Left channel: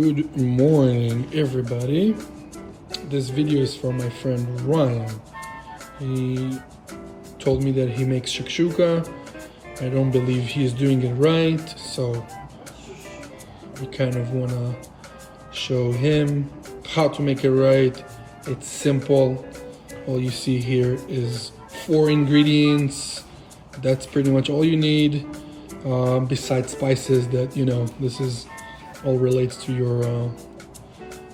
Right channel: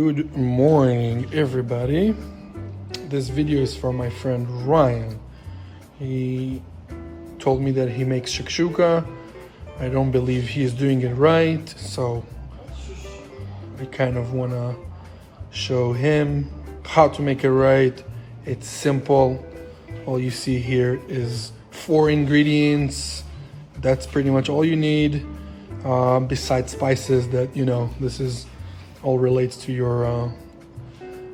Good morning, everybody. This video is from my friend Ryan. He told me that he makes shakshuka. I don't believe he's doing it right, so I kind of want to show him how to make it right. It's simple. All you see here is 4 ingredients. That's pretty much all you need, besides spices that, this is all relates to your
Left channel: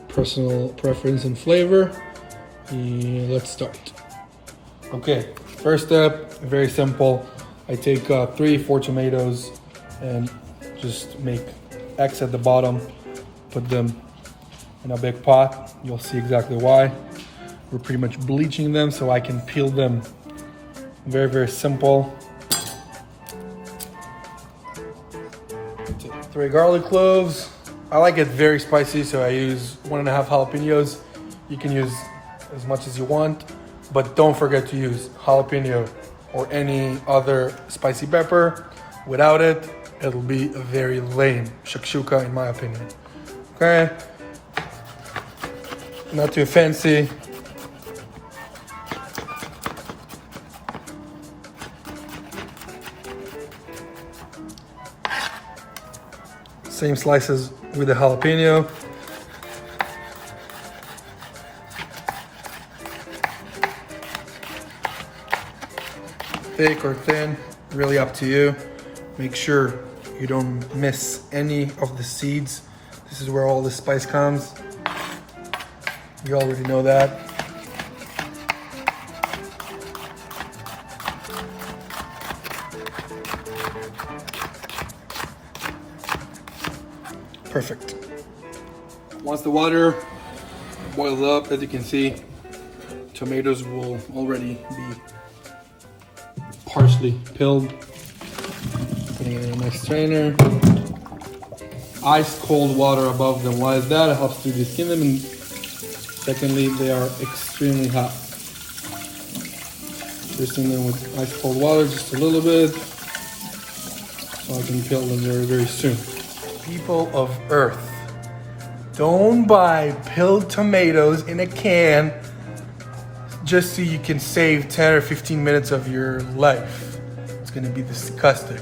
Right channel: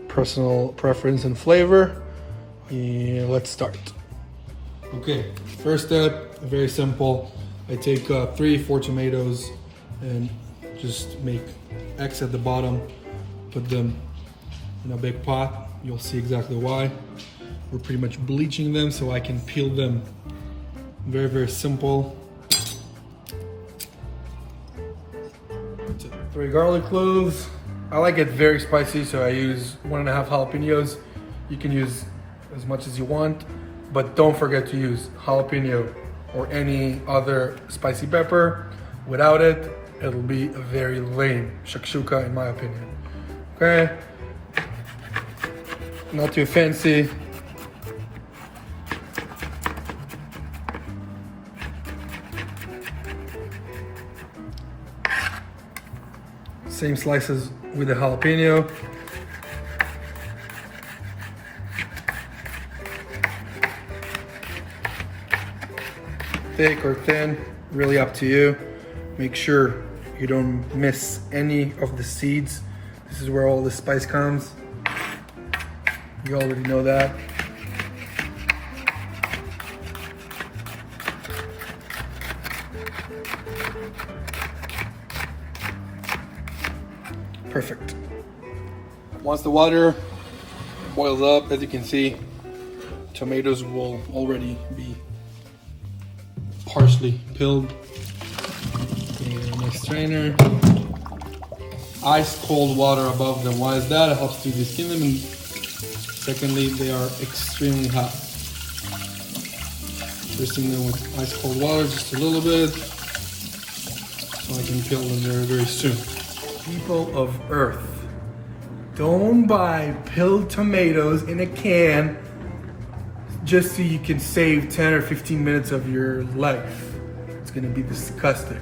personal preference and flavor. Let's start. Okay, first step, very simple. I take 3-4 tomatoes and just make X at the bottom, put them in a big pot. You'll see exactly why. We're pretty much bleaching them so I can peel them. Very, very simple. 3 garlic cloves. I like it very spicy, so I use 1.5 jalapenos. You can use as much as you want, but don't forget to use jalapeno or any other spicy pepper. Without it, it'll be very lame shakshuka, in my opinion. Okay, not too fancy. Same slices with the jalapeno. Thick or thin, really up to you. Make sure you don't miss any of the seeds. This is where all the spice comes. You already know that. Perfect. Once the water boils up, as you can see, tomatoes will already be partially peeled. Put it in a nice strainer. Ice cold water above them. Why is that? It helps to de-skin them, and secondly, they are extremely hot. Dressing them with ice cold water, just a little bit, so I can peel them very, very soon. People of Earth, don't buy peeled tomatoes in a can just so you can save 10 or 15 minutes of your life. It's gonna be disgusting.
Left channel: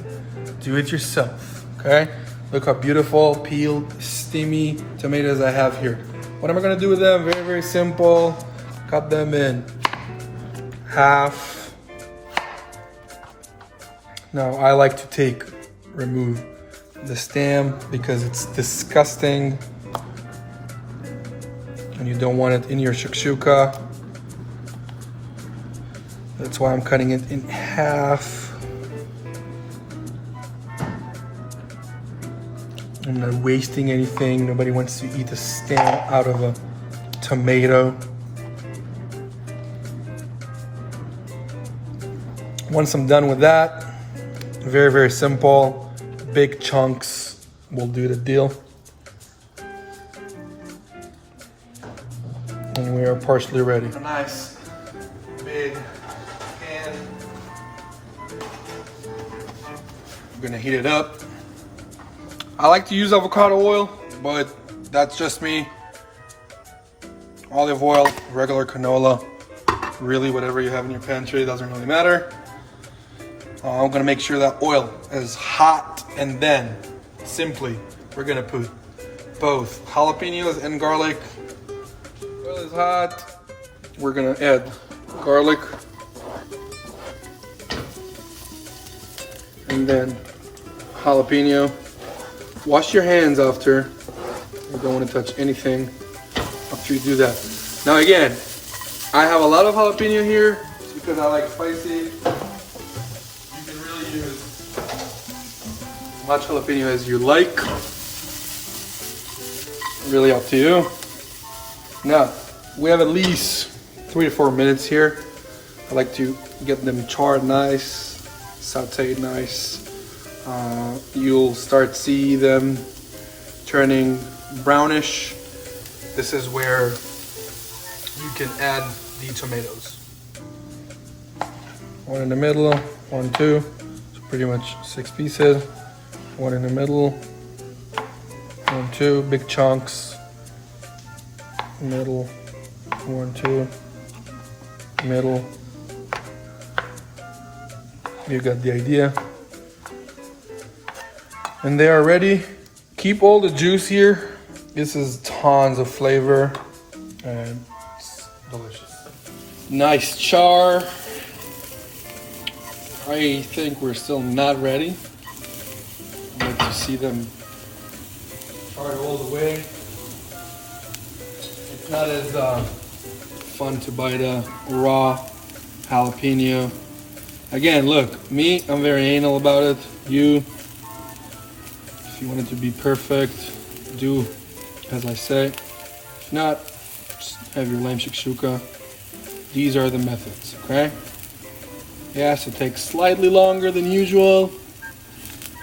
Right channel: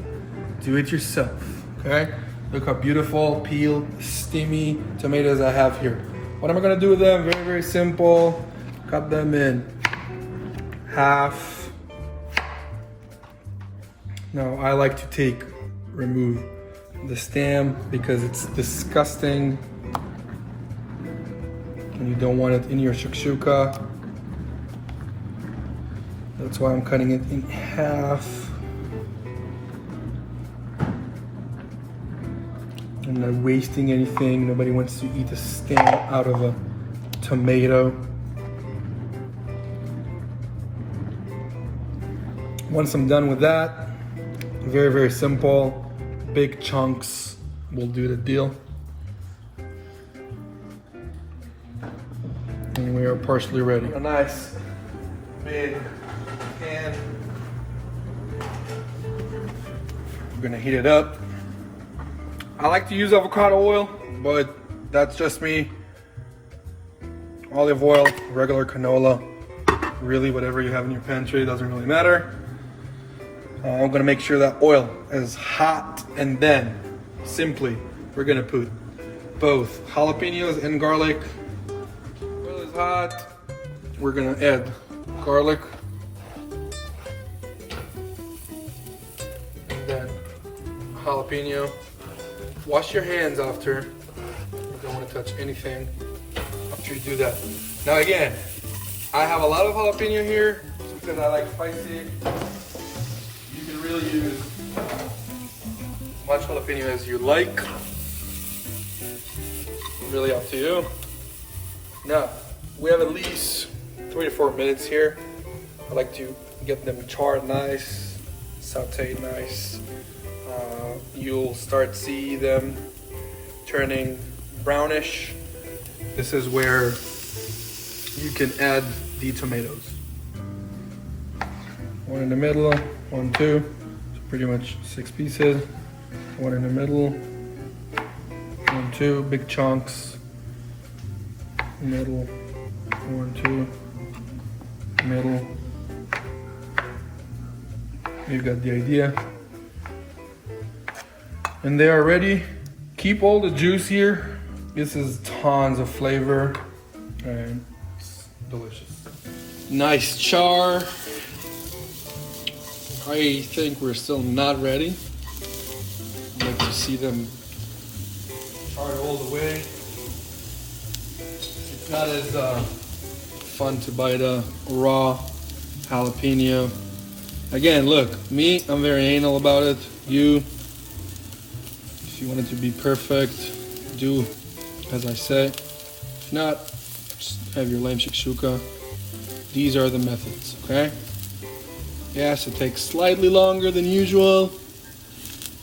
Do it yourself, okay? Look how beautiful, peeled, steamy tomatoes I have here. What am I gonna do with them? Very, very simple. Cut them in half. Now, I like to remove the stem because it's disgusting and you don't want it in your shakshuka. That's why I'm cutting it in half. I'm not wasting anything. Nobody wants to eat the stem out of a tomato. Once I'm done with that, very, very simple. Big chunks will do the deal. And we are partially ready. A nice big pan. I'm gonna heat it up. I like to use avocado oil, but that's just me. Olive oil, regular canola, really whatever you have in your pantry, doesn't really matter. I'm gonna make sure that oil is hot, and then simply we're gonna put both jalapenos and garlic. Oil is hot. We're gonna add garlic and then jalapeno. Wash your hands after. You don't want to touch anything after you do that. Now again, I have a lot of jalapeno here because I like spicy. Use as much jalapeno as you like. Really up to you. Now, we have at least 3 to 4 minutes here. I like to get them charred nice, sauteed nice. You'll start see them turning brownish. This is where you can add the tomatoes. 1 in the middle, 1, 2. Pretty much 6 pieces. 1 in the middle, 1, 1, 2, big chunks. Middle, 1, 2, middle. You got the idea. And they are ready. Keep all the juice here. This is tons of flavor and it's delicious. Nice char. I think we're still not ready. I'd like to see them charred all the way. It's not as fun to bite a raw jalapeno. Again, look, me, I'm very anal about it. You, if you want it to be perfect, do as I say. If not, just have your lame shakshuka. These are the methods, okay? Yes, it takes slightly longer than usual.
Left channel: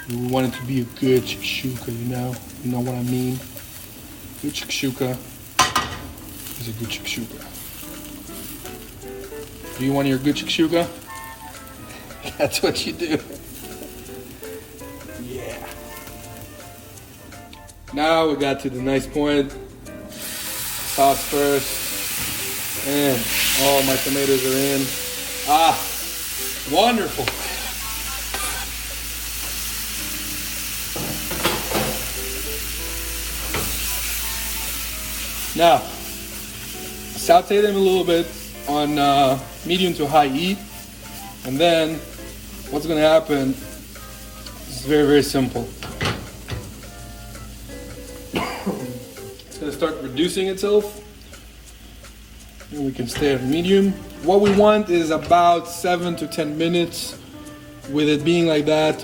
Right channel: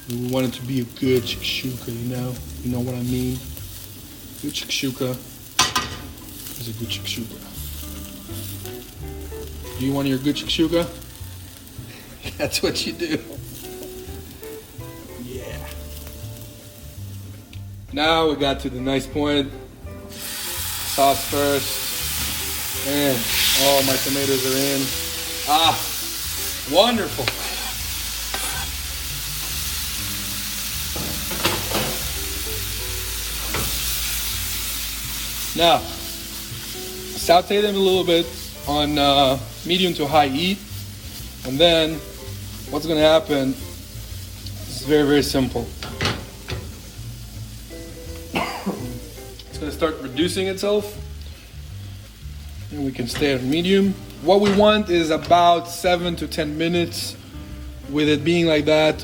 We want it to be a good shakshuka, you know what I mean? Good shakshuka is a good shakshuka. Do you want your good shakshuka? That's what you do. Yeah. Now we got to the nice point. Sauce first. And all my tomatoes are in. Ah, wonderful. Now, saute them a little bit on medium to high heat. And then what's going to happen is very, very simple. It's going to start reducing itself. And we can stay at medium. What we want is about 7 to 10 minutes. With it being like that,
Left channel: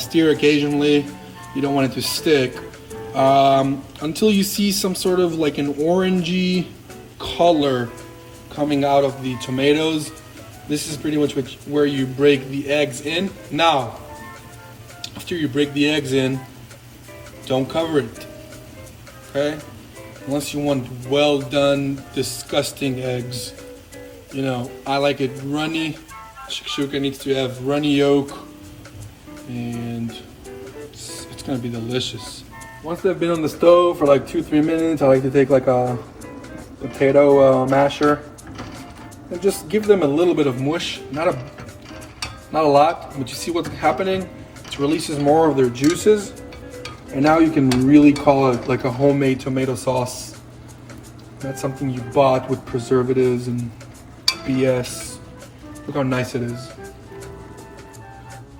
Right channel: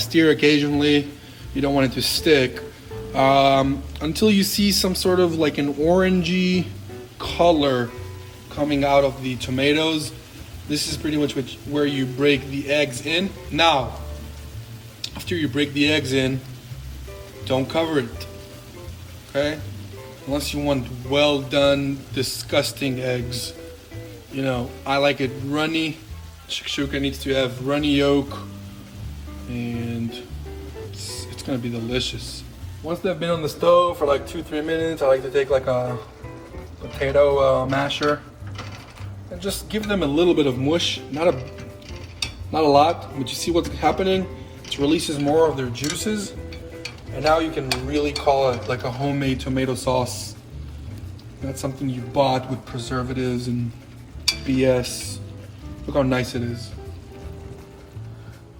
stir occasionally. You don't want it to stick. Until you see some sort of like an orangey color coming out of the tomatoes. This is pretty much where you break the eggs in. Now, after you break the eggs in, don't cover it, okay? Unless you want well done, disgusting eggs. You know, I like it runny. Shakshuka needs to have runny yolk, and it's gonna be delicious. Once they've been on the stove for like 2-3 minutes, I like to take like a potato masher and just give them a little bit of mush, not a lot, but you see what's happening? It releases more of their juices, and now you can really call it like a homemade tomato sauce. That's something you bought with preservatives and BS. Look how nice it is.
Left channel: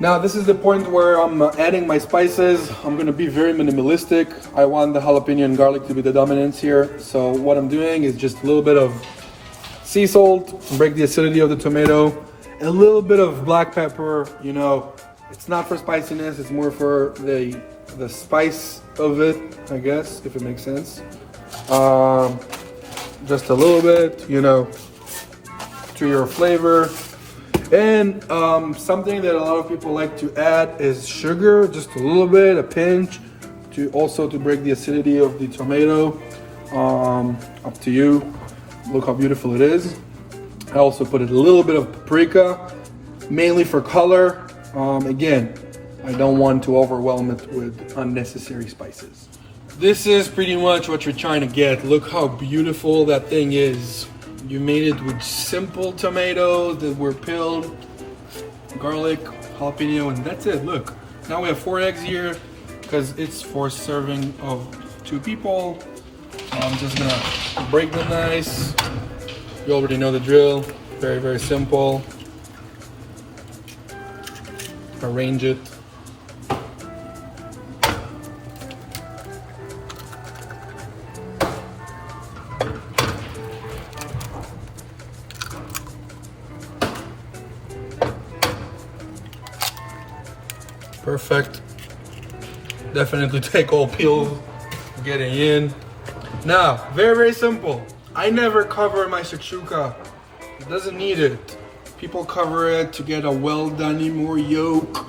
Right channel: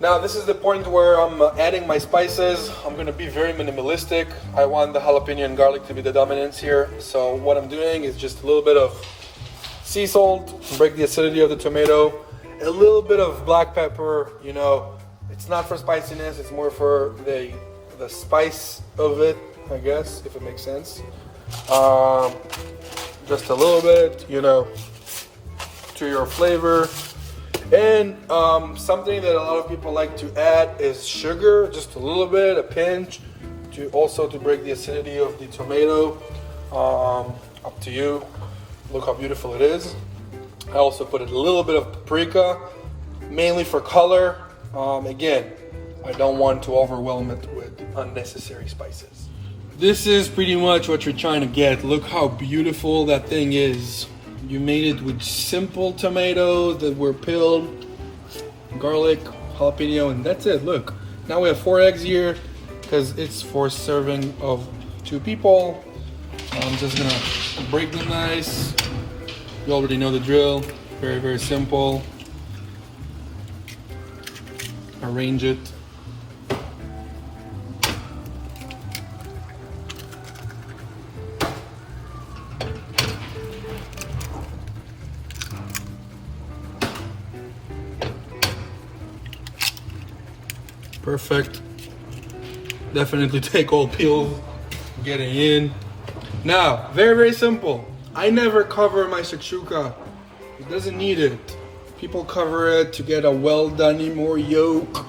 Now this is the point where I'm adding my spices. I'm gonna be very minimalistic. I want the jalapeno and garlic to be the dominance here. So what I'm doing is just a little bit of sea salt, break the acidity of the tomato, and a little bit of black pepper. You know, it's not for spiciness, it's more for the spice of it, I guess, if it makes sense. Just a little bit, you know, to your flavor. And something that a lot of people like to add is sugar, just a little bit, a pinch, to break the acidity of the tomato. Up to you. Look how beautiful it is. I also put a little bit of paprika, mainly for color. Again, I don't want to overwhelm it with unnecessary spices. This is pretty much what you're trying to get. Look how beautiful that thing is. You made it with simple tomatoes that were peeled, garlic, jalapeno, and that's it. Look, now we have 4 eggs here because it's for serving of 2 people. I'm just gonna break them nice. You already know the drill. Very, very simple. Arrange it. Perfect. Definitely take all peels getting in. Now, very, very simple. I never cover my shakshuka. It doesn't need it. People cover it to get a well done, more yolk.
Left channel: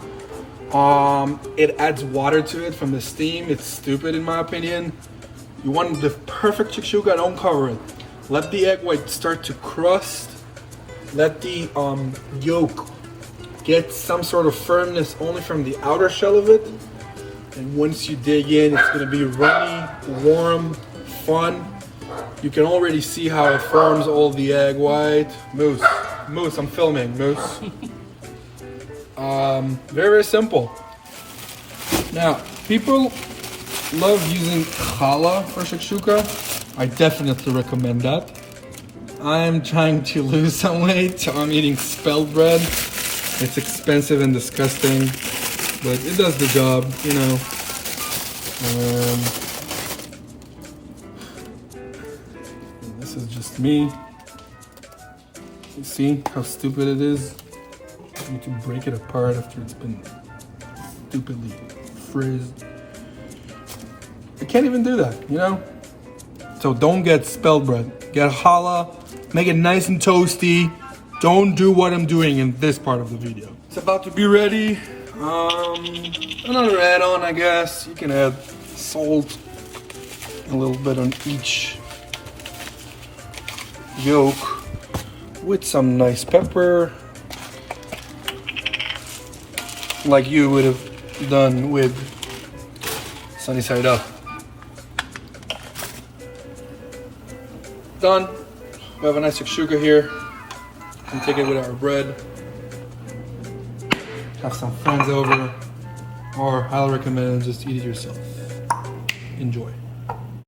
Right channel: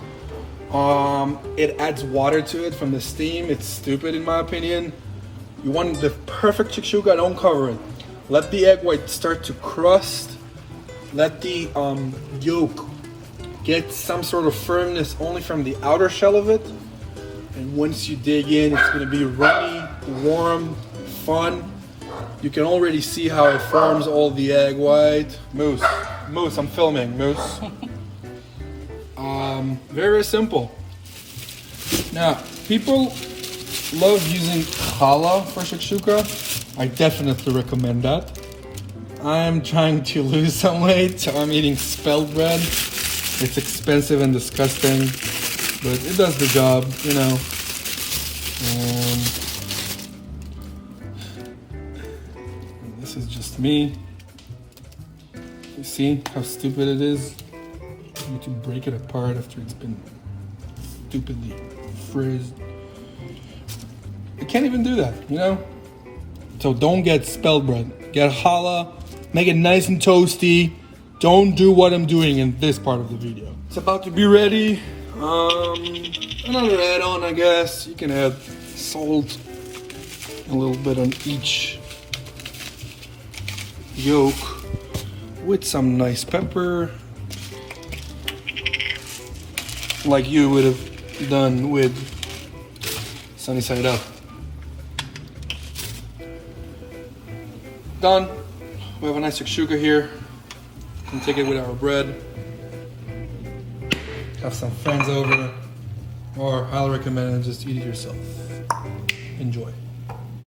It adds water to it from the steam. It's stupid in my opinion. You want the perfect shakshuka, don't cover it. Let the egg white start to crust. Let the yolk get some sort of firmness only from the outer shell of it. And once you dig in, it's gonna be runny, warm, fun. You can already see how it forms all the egg white. Moose, I'm filming, Moose. Very, very simple. Now, people love using challah for shakshuka. I definitely recommend that. I am trying to lose some weight, so I'm eating spelt bread. It's expensive and disgusting, but it does the job, you know. And this is just me. You see how stupid it is? I need to break it apart after it's been stupidly frizzed. I can't even do that, you know? So don't get spelt bread. Get challah, make it nice and toasty. Don't do what I'm doing in this part of the video. It's about to be ready. Another add-on, I guess. You can add salt, a little bit on each yolk with some nice pepper, like you would have done with sunny side up. Done. We have a nice shakshuka here. And take it with our bread. Have some friends over, or I'll recommend just eat it yourself. Enjoy.